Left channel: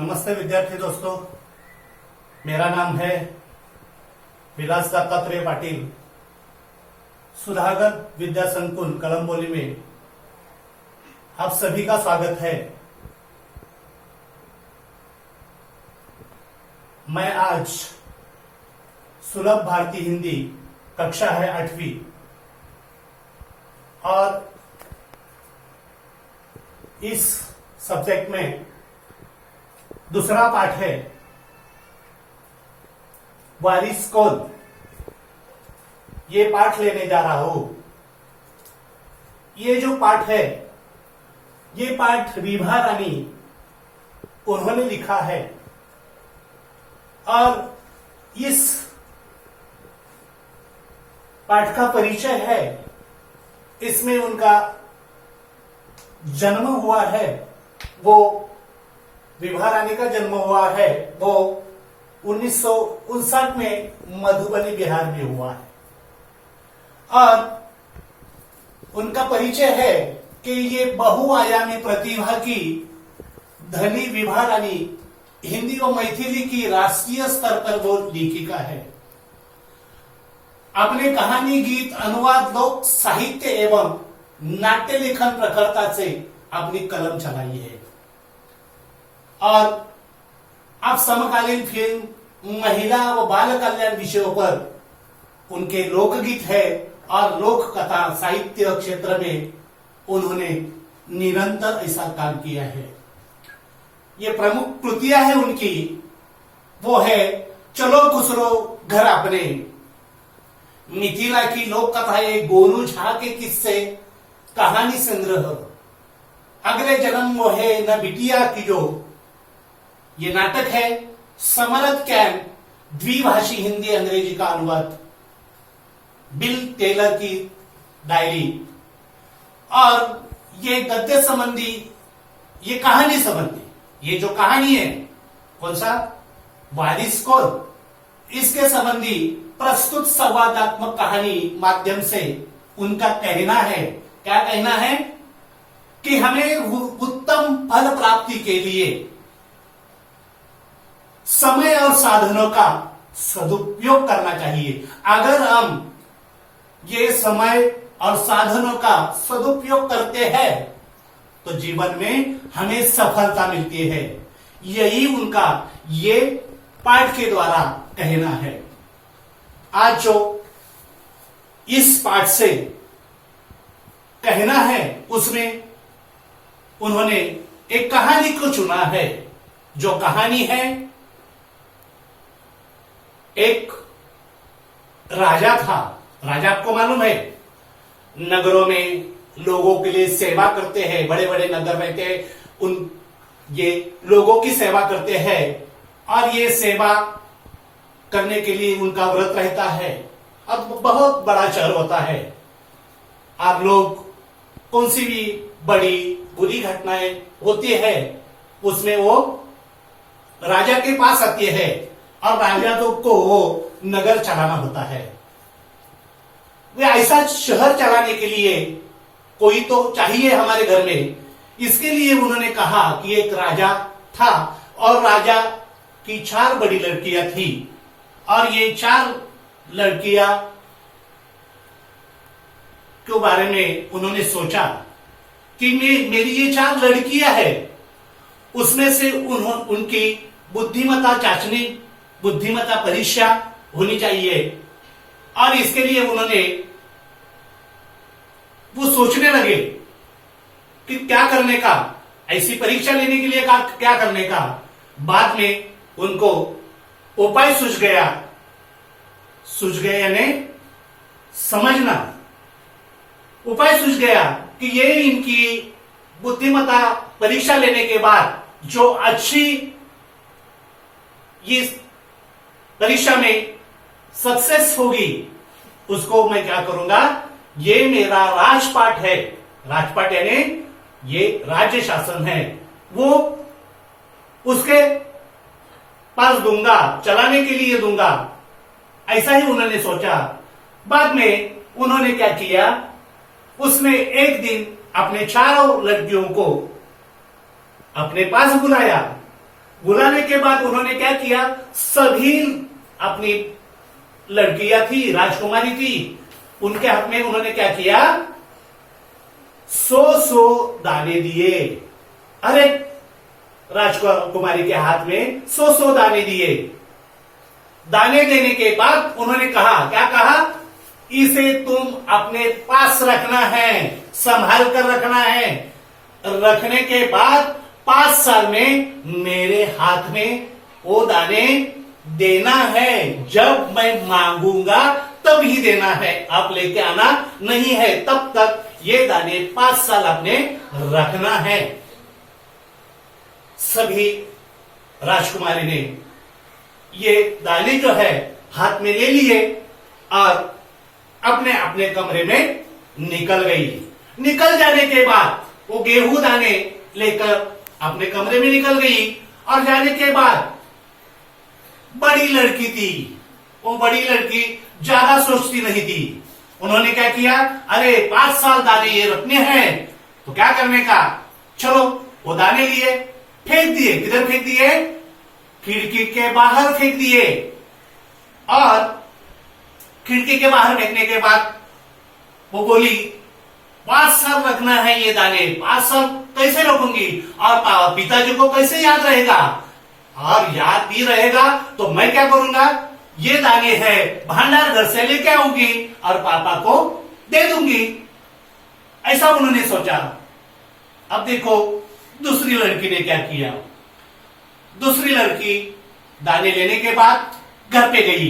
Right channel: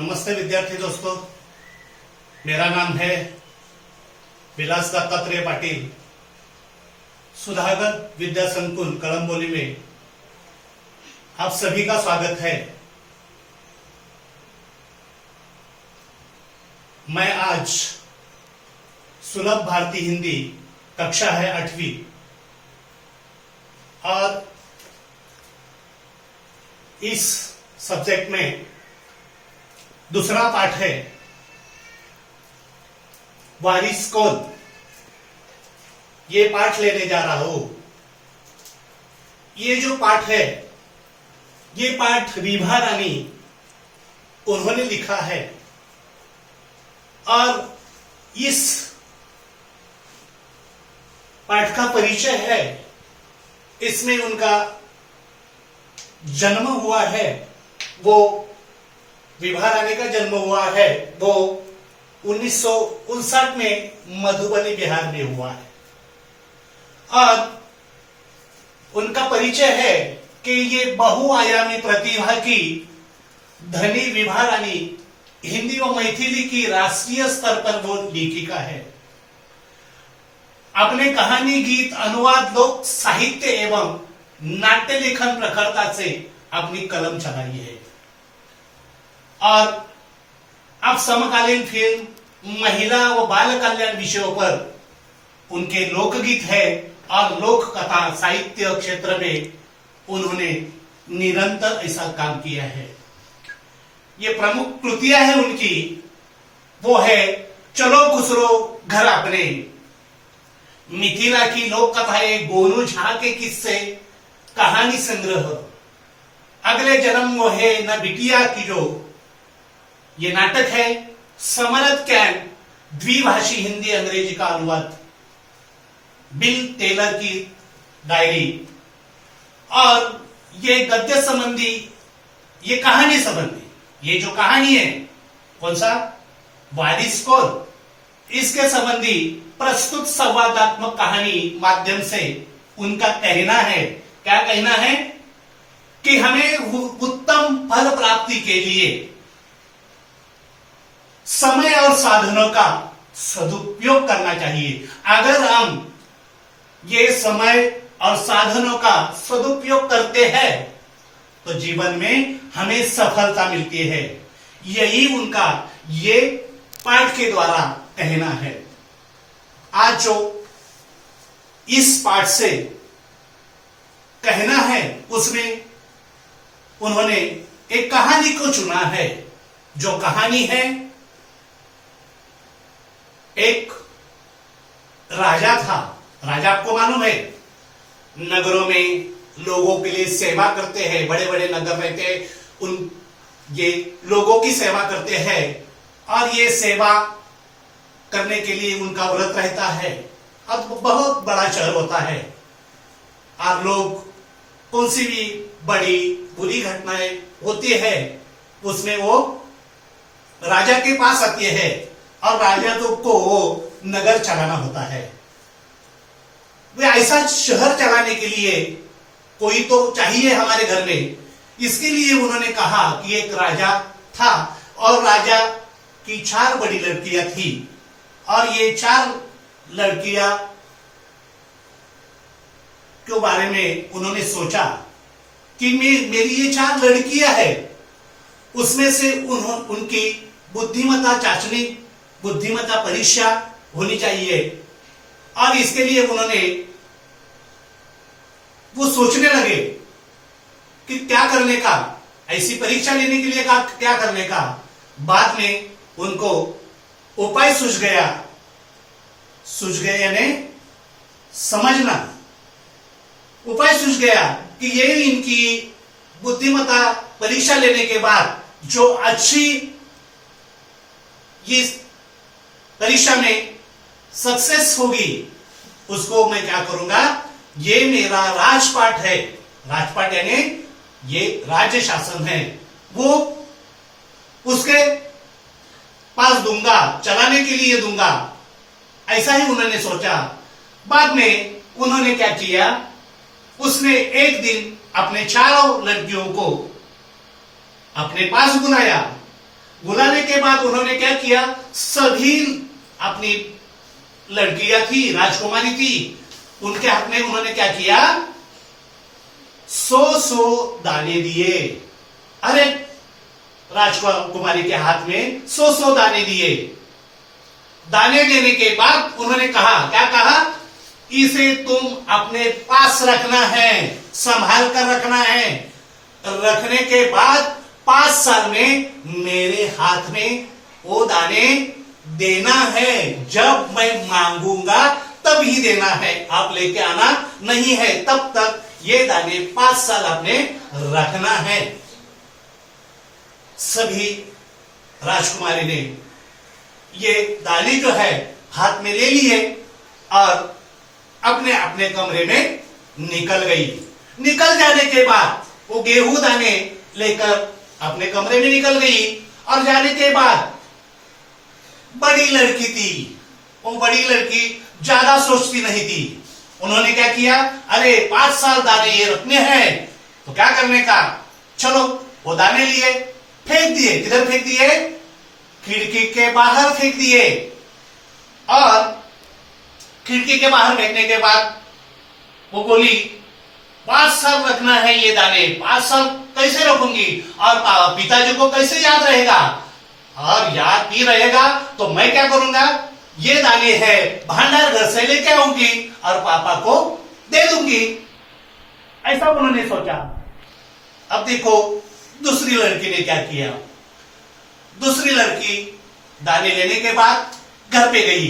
नमस्ते विद्यार्थी दोस्तों, मेरा नाम है विलास दत्तात्रेय पाटिल। सुधागर विद्या संकुल कलंबोली में आप सभी का स्वागत है। मैं आज सुलभ भारती हिंदी कक्षा है 8वीं और इस सब्जेक्ट में दूसरा पाठ है वारिस कौन। ये पाठ लेने जा रहा हूं। ये जो पाठ है, ये पाठ विभा रानी उन्होंने लिखा है और इस पाठ का परिचय है। इसमें उनका जन्म हुआ है, वो विभा रानी का जन्म हुआ है, वो 1959 में मधुबनी बिहार में हुआ है। और उनका परिचय है कि ये बहुआयामी प्रतिभा की धनी विभा रानी हिंदी व मैथिली की राष्ट्रीय स्तर पर वो लेखिका है। अपने कहानी, गीत, अनुवाद, लोक साहित्य एवं नाट्य लेखन प्रखरता से अपनी कलम चलाई है और अब समकालीन फिल्म, महिला व बाल कल्याण विषयों पर उनके लोकगीत है और लोक कथा साहित्य क्षेत्र में उन्होंने निरंतर ऐसा काम किया है। ये प्रमुख कृतियां हैं उनकी, वो है चलो खुसरो घर अपने, मिथिला की लोक कथाएं, गोनू झा के किस्से, कहानी संग्रह, अगले जन्म वो है न बिटिया की जो। ये नाटक है समरथ कैंप, द्विभाषी हिंदी अंग्रेजी का अनुवाद, बिल टेलर की डायरी। और ये गद्य संबंधी, ये कहानी संबंधी, ये जो कहानी है, कौन सा, वारिस कौन, इसके संबंधी प्रस्तुत संवादात्मक कहानी माध्यम से उनका कहना है, क्या कहना है कि हमें उत्तम फल प्राप्ति के लिए समय और साधनों का सदुपयोग करना चाहिए। अगर हम ये समय और साधनों का सदुपयोग करते हैं तो जीवन में हमें सफलता मिलती है। यही उनका ये पाठ के द्वारा कहना है। आज जो इस पाठ से कहना है, उसमें उन्होंने एक कहानी को चुना है। जो कहानी है, एक राजा था। राजा आपको मालूम है, नगरों में लोगों के लिए सेवा करते हैं, बड़े बड़े नगर रहते हैं, उन ये लोगों की सेवा करते हैं और ये सेवा करने के लिए उनका व्रत रहता है। अब बहुत बड़ा शहर होता है और लोग कौन सी भी बड़ी बुरी घटनाएं होती है उसमें वो राजा के पास आती है और राजा को वो नगर चलाना होता है। वे ऐसा शहर चलाने के लिए कोई तो चाहिए हमारे घर में। इसके लिए उन्होंने कहा कि एक राजा था और राजा की 4 बड़ी लड़कियां थी और ये 4 लड़कियां के बारे में उन्होंने सोचा कि मेरी ये 4 लड़कियां हैं, उसमें से उनकी बुद्धिमत्ता जांचनी, बुद्धिमत्ता परीक्षा होनी चाहिए। और इसके लिए उन्होंने वो सोचने लगे कि क्या करने का, ऐसी परीक्षा लेने के लिए क्या करने का। बाद में उनको उपाय सूझ गया यानी समझना, उपाय सूझ गया कि ये इनकी बुद्धिमत्ता परीक्षा लेने के बाद जो अच्छी ये परीक्षा में सक्सेस होगी, उसको मैं क्या करूंगा, ये मेरा राजपाट है। राजपाट यानी ये राज्य शासन है, वो उसके पास दूंगा, चलाने के लिए दूंगा। ऐसा ही उन्होंने सोचा। बाद में उन्होंने क्या किया, उसने एक दिन अपने चारों लड़कियों को अपने पास बुलाया। बुलाने के बाद उन्होंने क्या किया, सभी अपनी लड़कियां थी, राजकुमारी थी, उनके हाथ में उन्होंने क्या किया, 100 दाने दिए। अरे राजकुमारी के हाथ में 100 दाने दिए। दाने देने के बाद उन्होंने कहा, क्या कहा, इसे तुम अपने पास रखना है, संभाल कर रखना है। रखने के बाद 5 साल में मेरे हाथ में वो दाने देना है, जब मैं मांगूंगा तब ही देना है, आप लेके आना नहीं है, तब तक ये दाने 5 साल आपने रखना है। सभी राजकुमारी ने ये दाने जो है हाथ में ले लिए और अपने अपने कमरे में निकल गई। निकल जाने के बाद वो गेहूं दाने लेकर अपने कमरे में निकल गई और जाने के बाद बड़ी लड़की थी, वो बड़ी लड़की ज्यादा सोचती नहीं थी। उन्होंने क्या किया, अरे 5 साल दाने ये रखने हैं तो क्या करने का, चलो वो दाने लिए, फेंक दिए। किधर फेंक दिए, खिड़की के बाहर फेंक दिए। और खिड़की के बाहर फेंकने के बाद वो बोली, 5 साल रखना है ये दाने, 5 साल कैसे रखूंगी, और पिताजी को कैसे याद रहेगा, और याद भी रहेगा तो मैं क्या करूंगा, ये दाने हैं भंडार घर से लेके आऊंगी और पापा को दे दूंगी। ऐसा उन्होंने सोचा। अब देखो दूसरी लड़की ने क्या किया। दूसरी लड़की दाने लेने के बाद घर पे गई।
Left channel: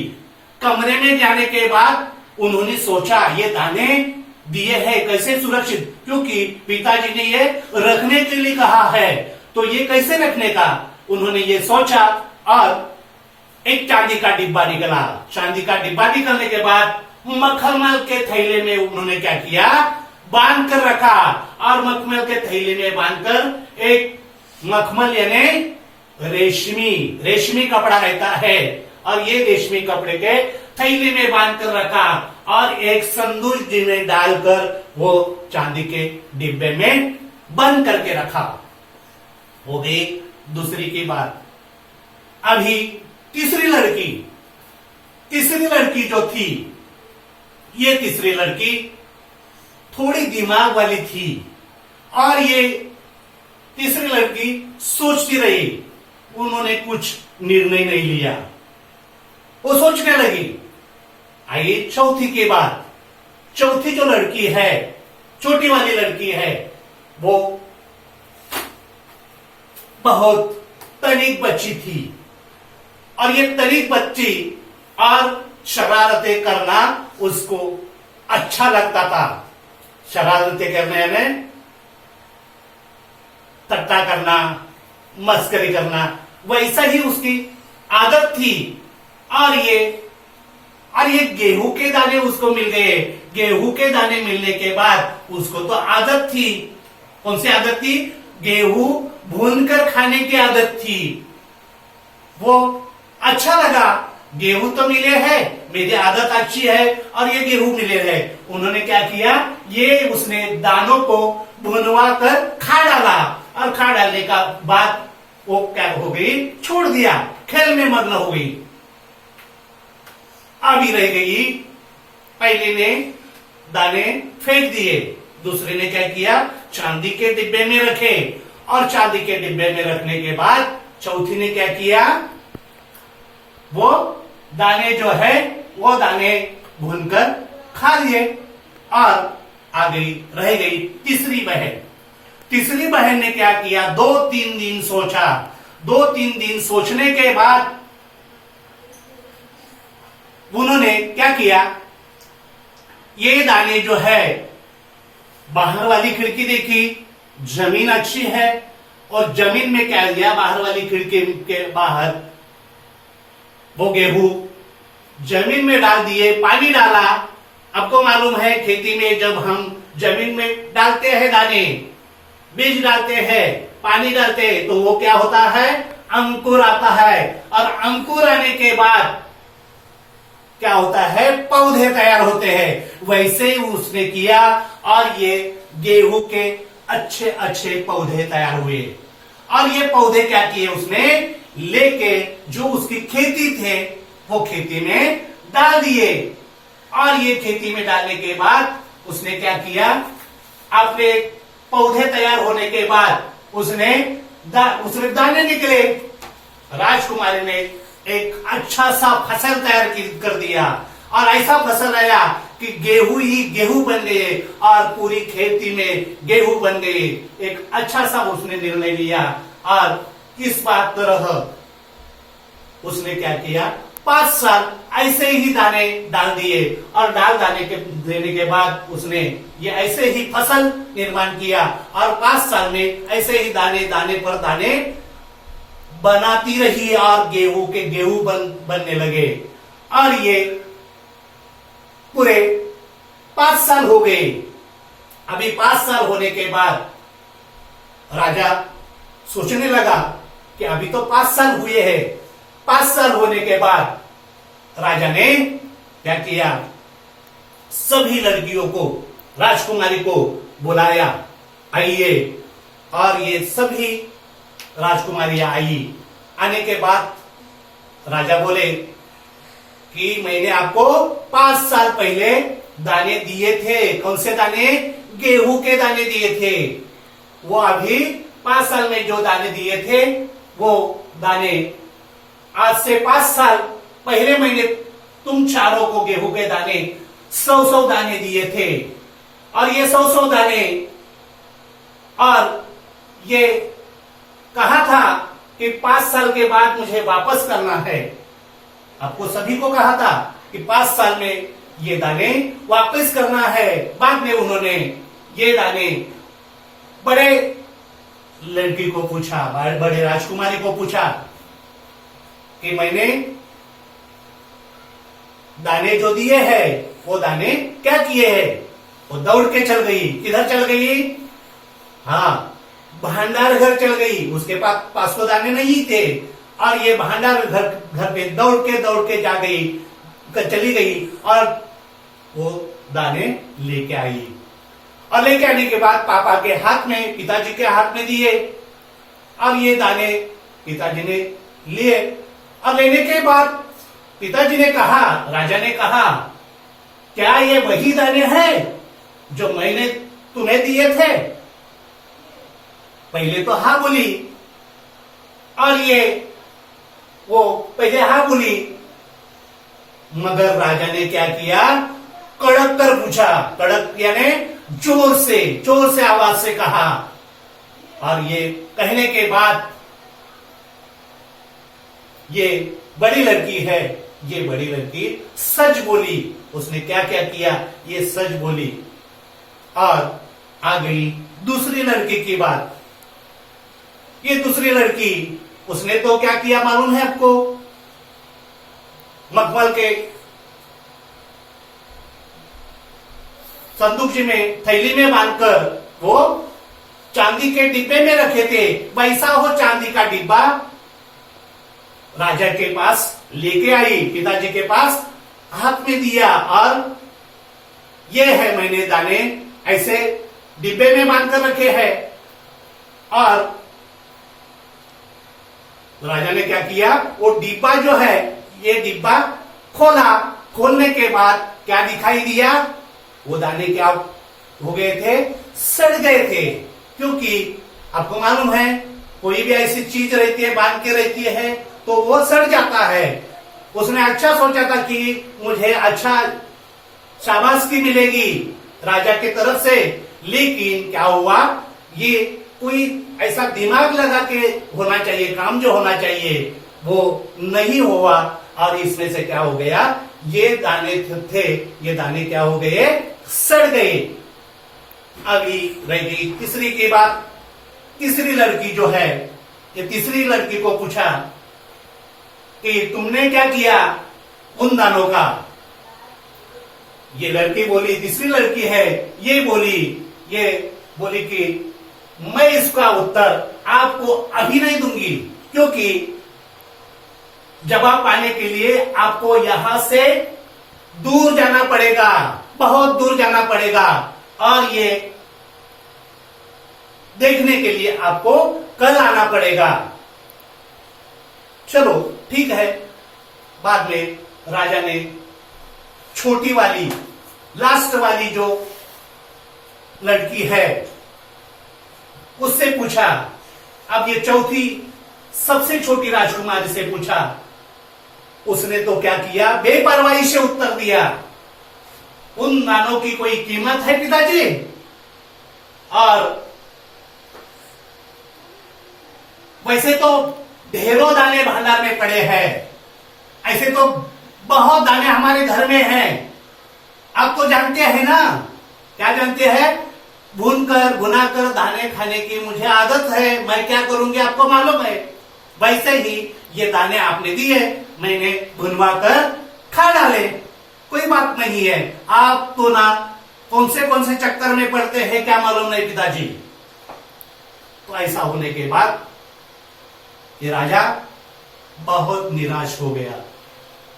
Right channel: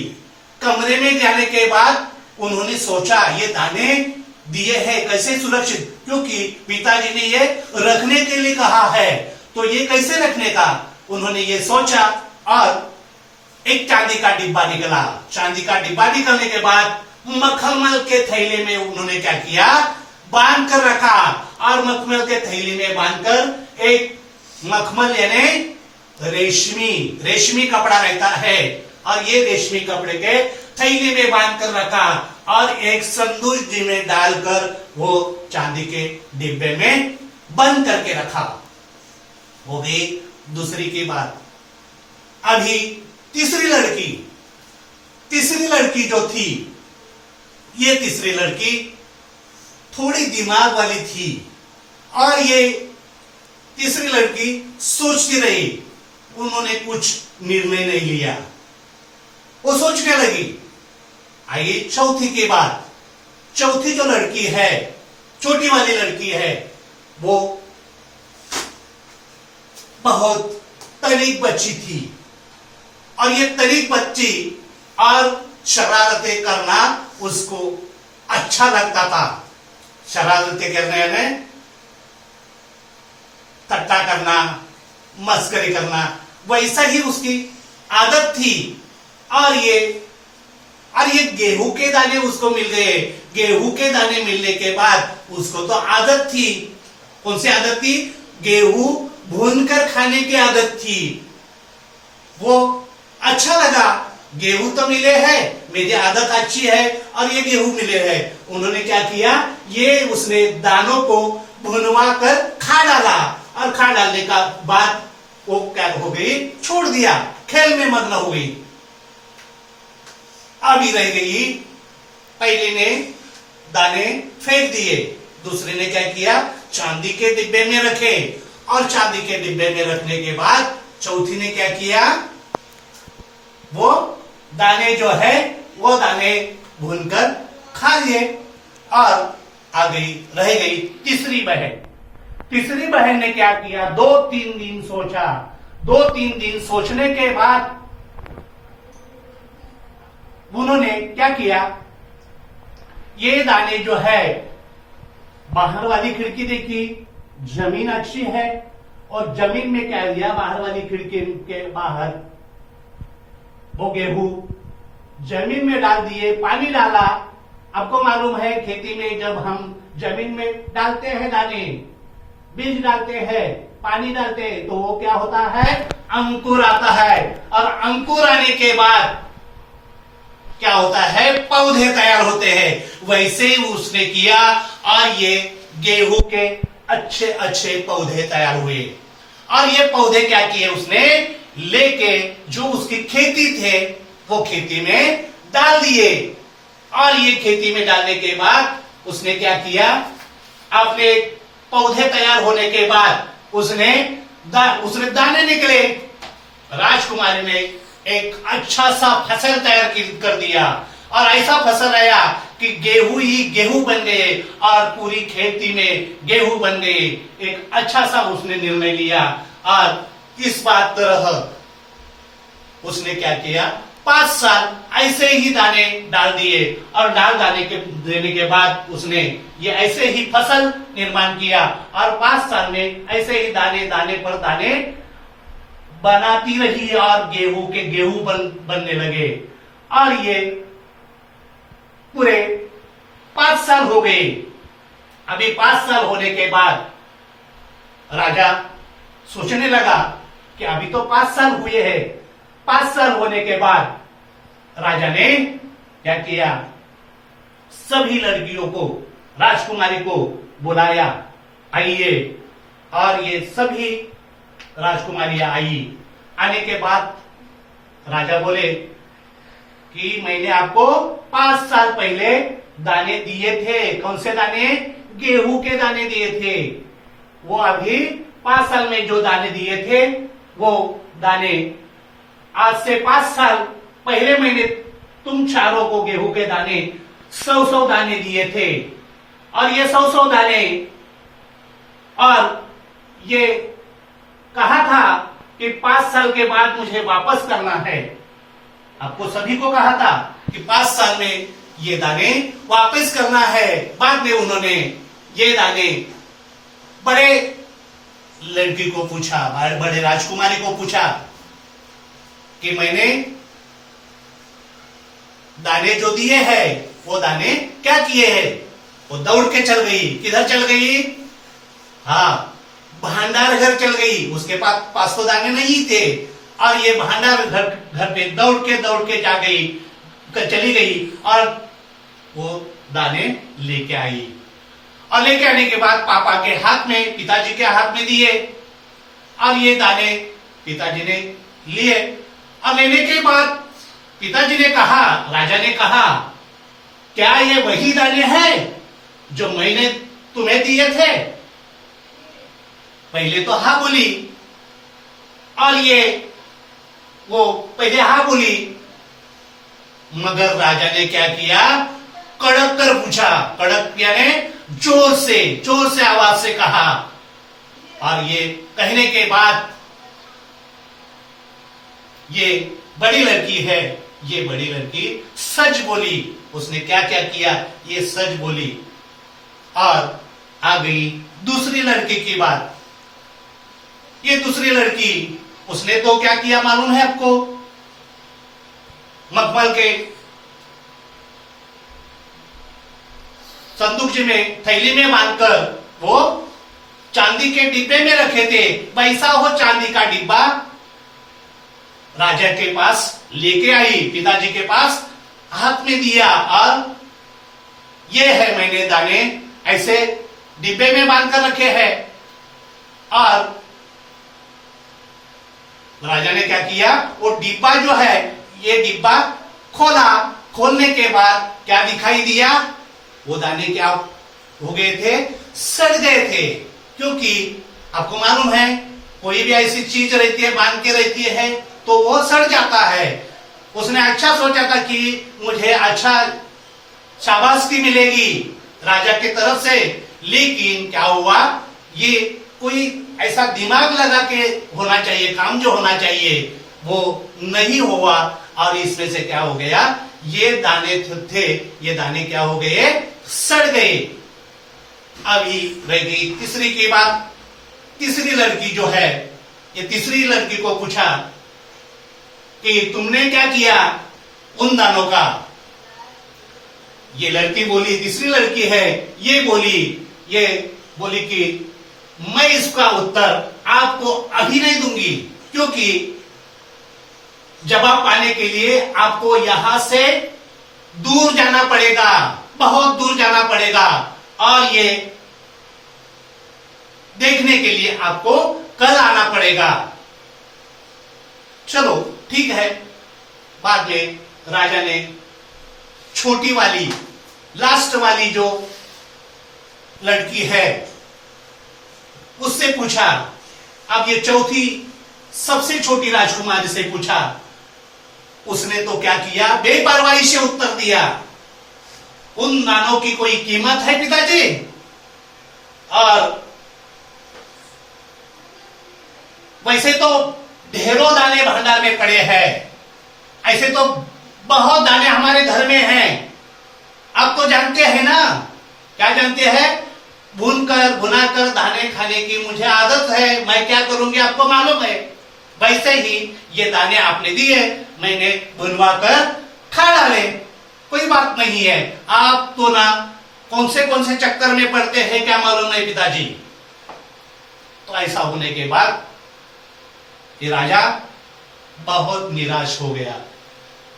कमरे में जाने के बाद उन्होंने सोचा, ये दाने दिए हैं कैसे सुरक्षित, क्योंकि पिताजी ने ये रखने के लिए कहा है, तो ये कैसे रखने का उन्होंने ये सोचा। और एक चांदी का डिब्बा निकला। चांदी का डिब्बा निकलने के बाद मखमल के थैले में उन्होंने क्या किया, बांध कर रखा। और मखमल के थैले में बांधकर एक मखमल यानी रेशमी कपड़ा रहता है, और ये रेशमी कपड़े के थैले में बांध कर रखा और एक संदूक में डालकर वो चांदी के डिब्बे में बंद करके रखा। हो गई दूसरी की बात। अभी तीसरी लड़की जो थी, ये तीसरी लड़की थोड़ी दिमाग वाली थी, और ये तीसरी लड़की सोचती रही। उन्होंने कुछ निर्णय नहीं लिया, वो सोचने लगी। आइए चौथी के बाद, चौथी जो लड़की है, छोटी वाली लड़की है, वो बहुत तनिक बच्ची थी, और ये तनिक बच्ची और शरारतें करना उसको अच्छा लगता था। शरारतें करने यानी टट्टा करना, मस्करी करना, वैसा ही उसकी आदत थी। और ये गेहूं के दाने उसको मिल गए। गेहूं के दाने मिलने के बाद उसको तो आदत थी। कौन सी आदत थी, गेहूं भूनकर खाने की आदत थी। वो अच्छा लगा, गेहूं तो मिले हैं, मेरी आदत अच्छी है और ये गेहूं मिले हैं। उन्होंने क्या किया, ये उसने दानों को भुनवा कर खा डाला, और खा डालने का बाद वो क्या हो गई, छोड़ दिया, खेल में मग्न हो गई। अभी रह गई, पहले ने दाने फेंक दिए, दूसरे ने क्या किया, चांदी के डिब्बे में रखे, और चांदी के डिब्बे में रखने के बाद चौथी ने क्या किया, वो दाने जो है वो दाने भूनकर खा लिए। और आ गई, रह गई तीसरी बहन। तीसरी बहन ने क्या किया, 2-3 दिन सोचा। 2-3 दिन सोचने के बाद उन्होंने क्या किया, ये दाने जो है, बाहर वाली खिड़की देखी, जमीन अच्छी है, और जमीन में क्या दिया, बाहर वाली खिड़की के बाहर वो गेहूं जमीन में डाल दिए, पानी डाला। आपको मालूम है खेती में जब हम जमीन में डालते हैं दाने, बीज डालते हैं, पानी डालते हैं, तो वो क्या होता है, अंकुर आता है, और अंकुर आने के बाद क्या होता है, पौधे तैयार होते हैं। वैसे ही उसने किया, और ये गेहूं के अच्छे अच्छे पौधे तैयार हुए। और ये पौधे क्या किए उसने, लेके जो उसकी खेती थे वो खेती में डाल दिए। और ये खेती में डालने के बाद उसने क्या किया, अपने पौधे तैयार होने के बाद उसने दाने निकले। राजकुमारी ने एक अच्छा सा फसल तैयार कर दिया और ऐसा फसल आया कि गेहूं ही गेहूं बन गए और पूरी खेती में गेहूं बन गए। एक अच्छा सा उसने निर्णय लिया और इस बात तरह उसने क्या किया, 5 साल ऐसे ही दाने डाल दिए और देने के बाद उसने ये ऐसे ही फसल निर्माण किया और 5 साल में ऐसे ही दाने दाने पर दाने बनाती रही और गेहूं के गेहूं बनने लगे। और ये पूरे 5 साल हो गए। अभी 5 साल होने के बाद राजा सोचने लगा कि अभी तो 5 साल हुए हैं। 5 साल होने के बाद राजा ने क्या किया, सभी लड़कियों को, राजकुमारी को बुलाया, आइए। और ये सभी राजकुमारियां आई। आने के बाद राजा बोले कि मैंने आपको 5 साल पहले दाने दिए थे। कौन से दाने? गेहूं के दाने दिए थे। वो अभी 5 साल में जो दाने दिए थे वो दाने आज से 5 साल पहले मैंने तुम चारों को गेहूं के दाने 100 दाने दिए थे। और ये 100 दाने, और ये कहा था कि 5 साल के बाद मुझे वापस करना है। आपको सभी को कहा था कि 5 साल में ये दाने वापस करना है। बाद में उन्होंने ये दाने बड़े लड़की को पूछा, बड़े राजकुमारी को पूछा कि मैंने दाने जो दिए हैं वो दाने क्या किए हैं? वो दौड़ के चल गई। किधर चल गई? हाँ, भंडार घर चल गई। उसके पास तो दाने नहीं थे और ये भंडार घर पे दौड़ के जा गई, चली गई और वो दाने लेके आई। और लेके आने के बाद पापा के हाथ में, पिताजी के हाथ में दिए और ये दाने पिताजी ने लिए। और लेने के बाद पिताजी ने कहा, राजा ने कहा, क्या ये वही दाने हैं जो मैंने तुम्हें दिए थे? पहले तो हाँ बोली। और ये वो पहले हाँ बोली, मगर राजा ने क्या किया, कड़क कर पूछा। कड़क यानी जोर से आवाज से कहा। और ये कहने के बाद ये बड़ी लड़की है, ये बड़ी लड़की सच बोली। उसने क्या क्या किया, ये सच बोली। और आ गई दूसरी लड़की की बात। ये दूसरी लड़की, उसने तो क्या किया मालूम है आपको? मखमल के संदूक में, थैली में बांधकर वो चांदी के डिब्बे में रखे थे। वैसा हो चांदी का डिब्बा राजा के पास लेके आई, पिताजी के पास हाथ में दिया। और ये है मैंने दाने ऐसे डिब्बे में बांधकर रखे हैं। और राजा ने क्या किया, वो डिब्बा जो है, ये डिब्बा खोला। खोलने के बाद क्या दिखाई दिया, वो दाने क्या हो गए थे, सड़ गए थे। क्योंकि आपको मालूम है कोई भी ऐसी चीज रहती है, बांध के रहती है तो वो सड़ जाता है। उसने अच्छा सोचा था कि मुझे अच्छा शाबाशी मिलेगी राजा की तरफ से, लेकिन क्या हुआ, ये कोई ऐसा दिमाग लगा के होना चाहिए, काम जो होना चाहिए वो नहीं हुआ। और इसमें से क्या हो गया, ये दाने थे, ये दाने क्या हो गए, सड़ गए। अभी रह गई तीसरी की बात। तीसरी लड़की जो है, ये तीसरी लड़की को पूछा कि तुमने क्या किया उन दानों का? ये लड़की बोली, तीसरी लड़की है, ये बोली कि मैं इसका उत्तर आपको अभी नहीं दूंगी, क्योंकि जवाब पाने के लिए आपको यहां से दूर जाना पड़ेगा, बहुत दूर जाना पड़ेगा। और ये देखने के लिए आपको कल आना पड़ेगा। चलो ठीक है। बाद में राजा ने छोटी वाली, लास्ट वाली जो लड़की है उससे पूछा। अब ये चौथी सबसे छोटी राजकुमारी से पूछा। उसने तो क्या किया, बेपरवाही से उत्तर दिया, उन दानों की कोई कीमत है पिताजी? और वैसे तो ढेरों दाने भंडार में पड़े हैं, ऐसे तो बहुत दाने हमारे घर में हैं। आप तो जानते हैं ना, क्या जानते हैं, भुनाकर दाने खाने की मुझे आदत है। मैं क्या करूंगी आपको मालूम है। वैसे ही ये दाने आपने दिए, मैंने भुनवा कर खा डाले, कोई बात नहीं है। आप तो ना कौन से चक्कर में पड़ते हैं क्या मालूम नहीं पिताजी। तो ऐसा होने के बाद ये राजा बहुत निराश हो गया।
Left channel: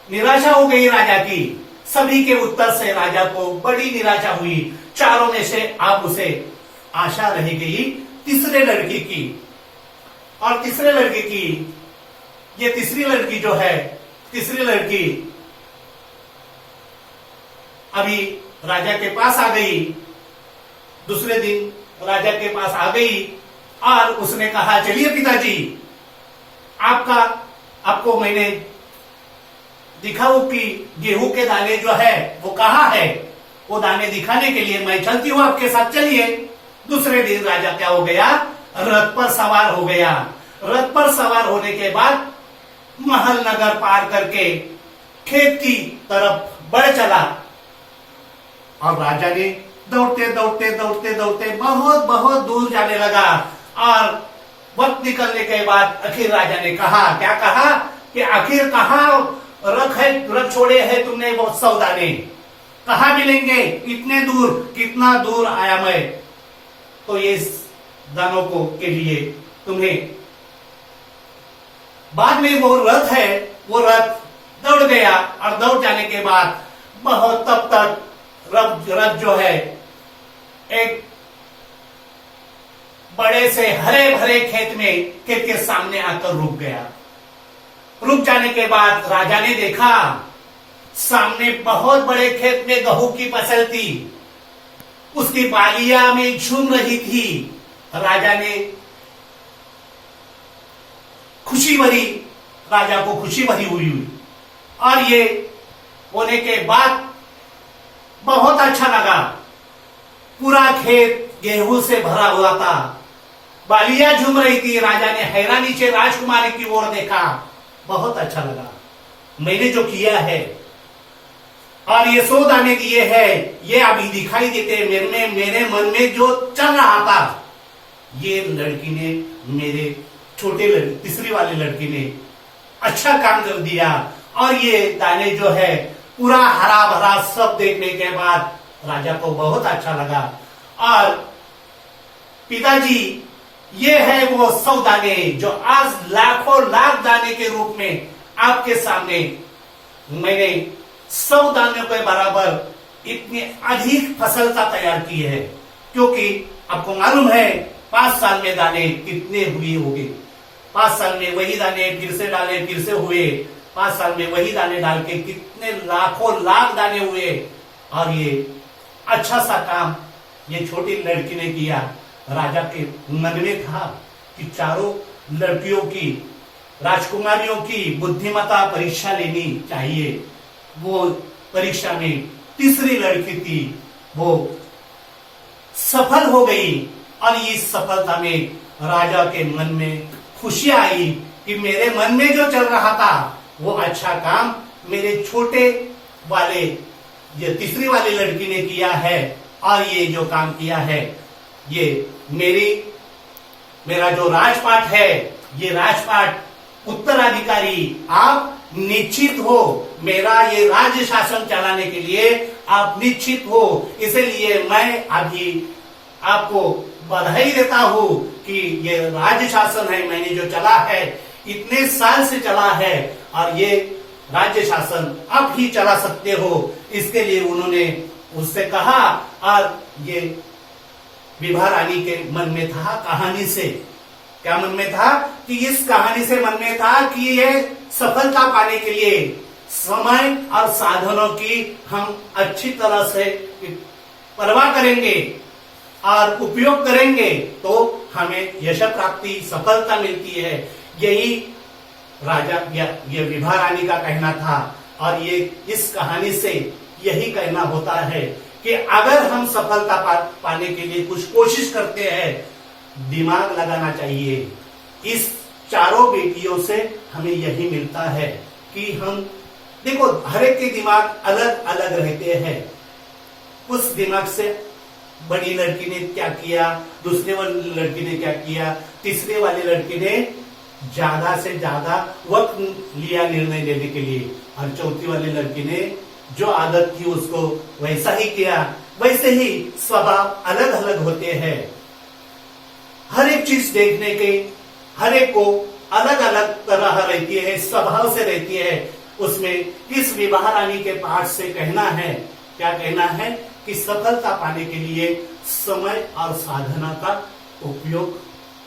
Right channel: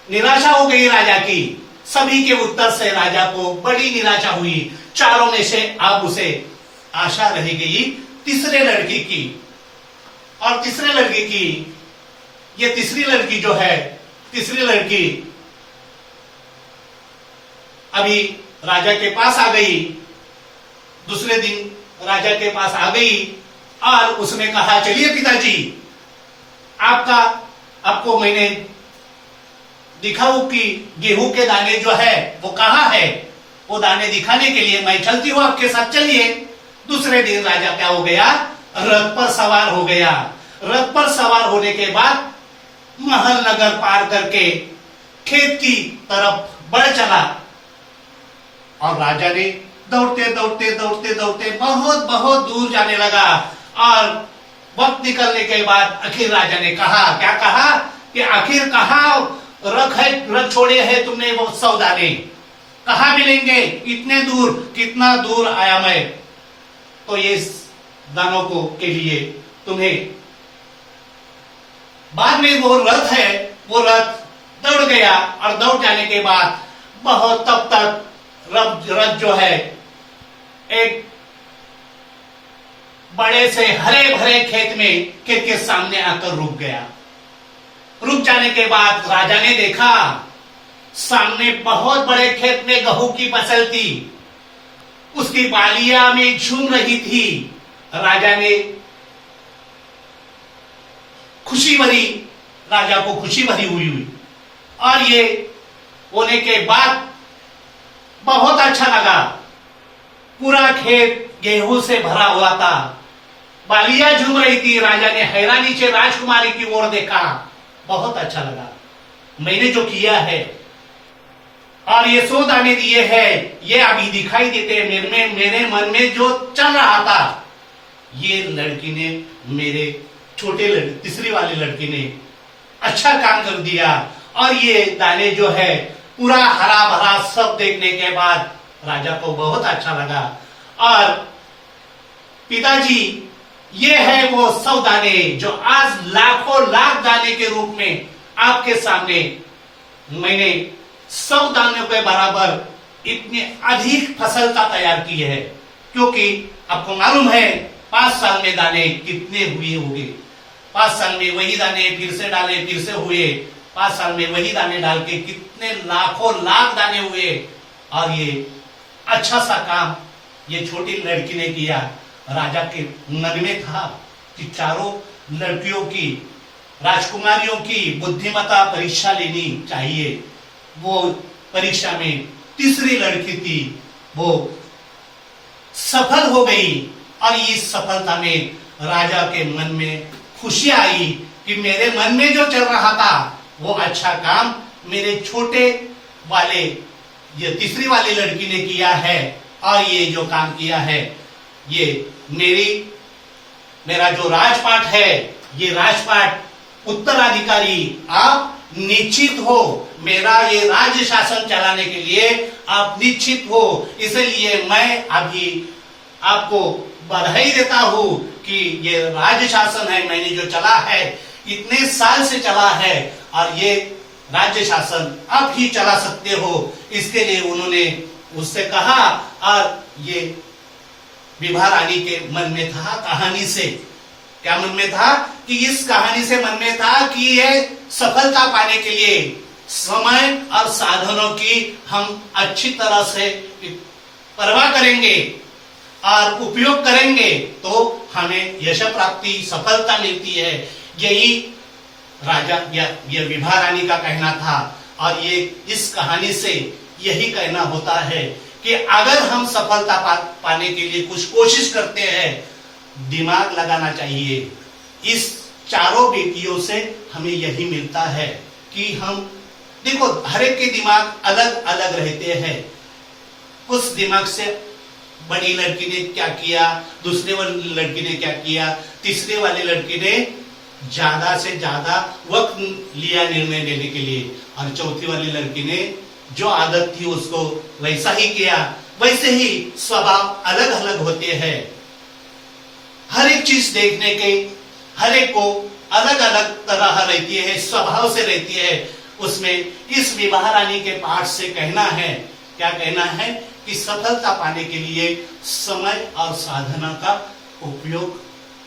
निराशा हो गई राजा की। सभी के उत्तर से राजा को बड़ी निराशा हुई। चारों में से अब उसे आशा रह गई तीसरे लड़की की। और तीसरे लड़की की, ये तीसरी लड़की जो है, तीसरी लड़की अभी राजा के पास आ गई। दूसरे दिन राजा के पास आ गई और उसने कहा, चलिए पिताजी, आपको मैंने दिखाऊं कि गेहूं के दाने जो है वो कहां है। वो दाने दिखाने के लिए मैं चलती हूं आपके साथ, चलिए। दूसरे दिन राजा क्या हो गया, रथ पर सवार हो गया। रथ पर सवार होने के बाद महल नगर पार करके खेत की तरफ बढ़ चला। और राजा ने दौड़ते दौड़ते दौड़ते दौड़ते बहुत बहुत दूर जाने लगा। और वक्त निकलने के बाद आखिर राजा ने कहा, क्या कहा कि आखिर कहाँ रथ छोड़े हैं तुमने वो 100 दाने, कहाँ मिलेंगे इतने दूर, कितना दूर आया मैं तो ये दानों को के लिए तुम्हें। बाद में वो रथ है, वो रथ दौड़ गया और दौड़ जाने के बाद बहुत तब तक रथ जो है एक बड़े से हरे भरे खेत के सामने आकर रुक गया। रुक जाने के बाद राजा ने देखा सामने बहुत बड़े खेत में गेहूं की फसल थी, उसकी बालियां में झूम रही थी। राजा ने खुशी भरी, राजा को खुशी भरी हुई। और ये होने के बाद बहुत अच्छा लगा। पूरा खेत गेहूं से भरा हुआ था, बालियां झूम रही थी। राजा ने हैरानी से राजकुमारी की ओर देखा, बहुत अच्छा लगा मैंने जो किया है। और ये 100 दाने दिए हैं, ये अभी दिखाई देते हैं मेरे मन में जो चल रहा था। ये लड़की ने, मेरे छोटे तीसरी वाली लड़की ने अच्छा काम कर दिया। और ये दाने जो है पूरा हरा भरा सब देखने के बाद राजा को बहुत अच्छा लगा। और पिताजी, ये है वो 100 दाने जो आज लाखों लाख दाने के रूप में आपके सामने मैंने 100 दानों के बराबर इतने अधिक फसल का तैयार की है। क्योंकि आपको मालूम है 5 साल में दाने कितने हुए होंगे। 5 साल में वही दाने फिर से डाले, फिर से हुए। 5 साल में वही दाने डाल के कितने लाखों लाख दाने हुए। और ये अच्छा सा काम ये छोटी लड़की ने किया। राजा के मन में था कि चारों लड़कियों की, राजकुमारियों की बुद्धिमत्ता परीक्षा लेनी चाहिए। वो परीक्षा में तीसरी लड़की थी, वो सफल हो गई। और इस सफलता में राजा के मन में खुशी आई कि मेरे मन में जो चल रहा था वो अच्छा काम मेरे छोटे वाले, ये तीसरी वाली लड़की ने किया है। और ये जो काम किया है, ये मेरा जो राजपाट है, ये राजपाट उत्तराधिकारी आप निश्चित हो। मेरा ये राज्य शासन चलाने के लिए आप निश्चित हो। इसलिए मैं अभी आपको बधाई देता हूं कि ये राज्य शासन है मैंने जो चला है, इतने साल से चला है। और ये राज्य शासन आप ही चला सकते हो। इसके लिए उन्होंने उससे कहा। और ये विभा रानी के मन में था कहानी से क्या मन में था कि इस कहानी से मन में था कि ये सफलता पाने के लिए समय और साधनों की हम अच्छी तरह से परवाह करेंगे और उपयोग करेंगे तो हमें यश प्राप्ति सफलता मिलती है। यही राजा या ये विभा रानी का कहना था। और ये इस कहानी से यही कहना होता है कि अगर हम सफलता पाने के लिए कुछ कोशिश करते हैं, दिमाग लगाना चाहिए। इस चारों बेटियों से हमें यही मिलता है कि हम देखो, हर एक के दिमाग अलग अलग रहते हैं। कुछ दिमाग से बड़ी लड़की ने क्या किया, दूसरे वाली लड़की ने क्या किया, तीसरे वाले लड़की ने ज्यादा से ज्यादा वक्त लिया निर्णय लेने के लिए, और चौथी वाली लड़की ने जो आदत थी उसको वैसा ही किया। वैसे ही स्वभाव अलग अलग होते हैं। हर एक चीज देखने के हर एक को अलग अलग तरह रहती है, स्वभाव से रहती है। उसमें इस विवाह रानी के पाठ से कहना है, क्या कहना है कि सफलता पाने के लिए समय और साधना का उपयोग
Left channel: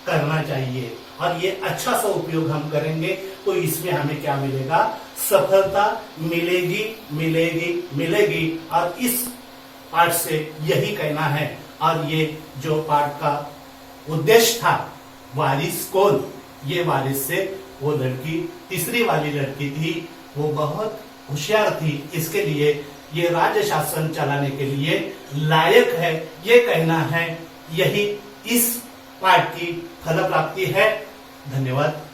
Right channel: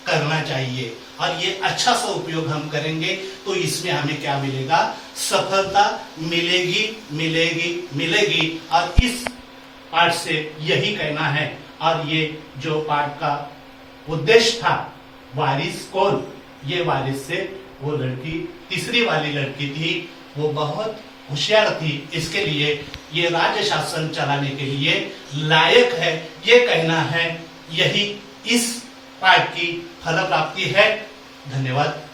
करना चाहिए। और ये अच्छा सा उपयोग हम करेंगे तो इसमें हमें क्या मिलेगा, सफलता मिलेगी मिलेगी मिलेगी। और इस पाठ से यही कहना है। और ये जो पाठ का उद्देश्य था, वारिस कौन, ये वारिस से वो लड़की, तीसरी वाली लड़की थी, वो बहुत होशियार थी, इसके लिए ये राज्य शासन चलाने के लिए लायक है, ये कहना है। यही इस पाठ की फल प्राप्ति है। धन्यवाद।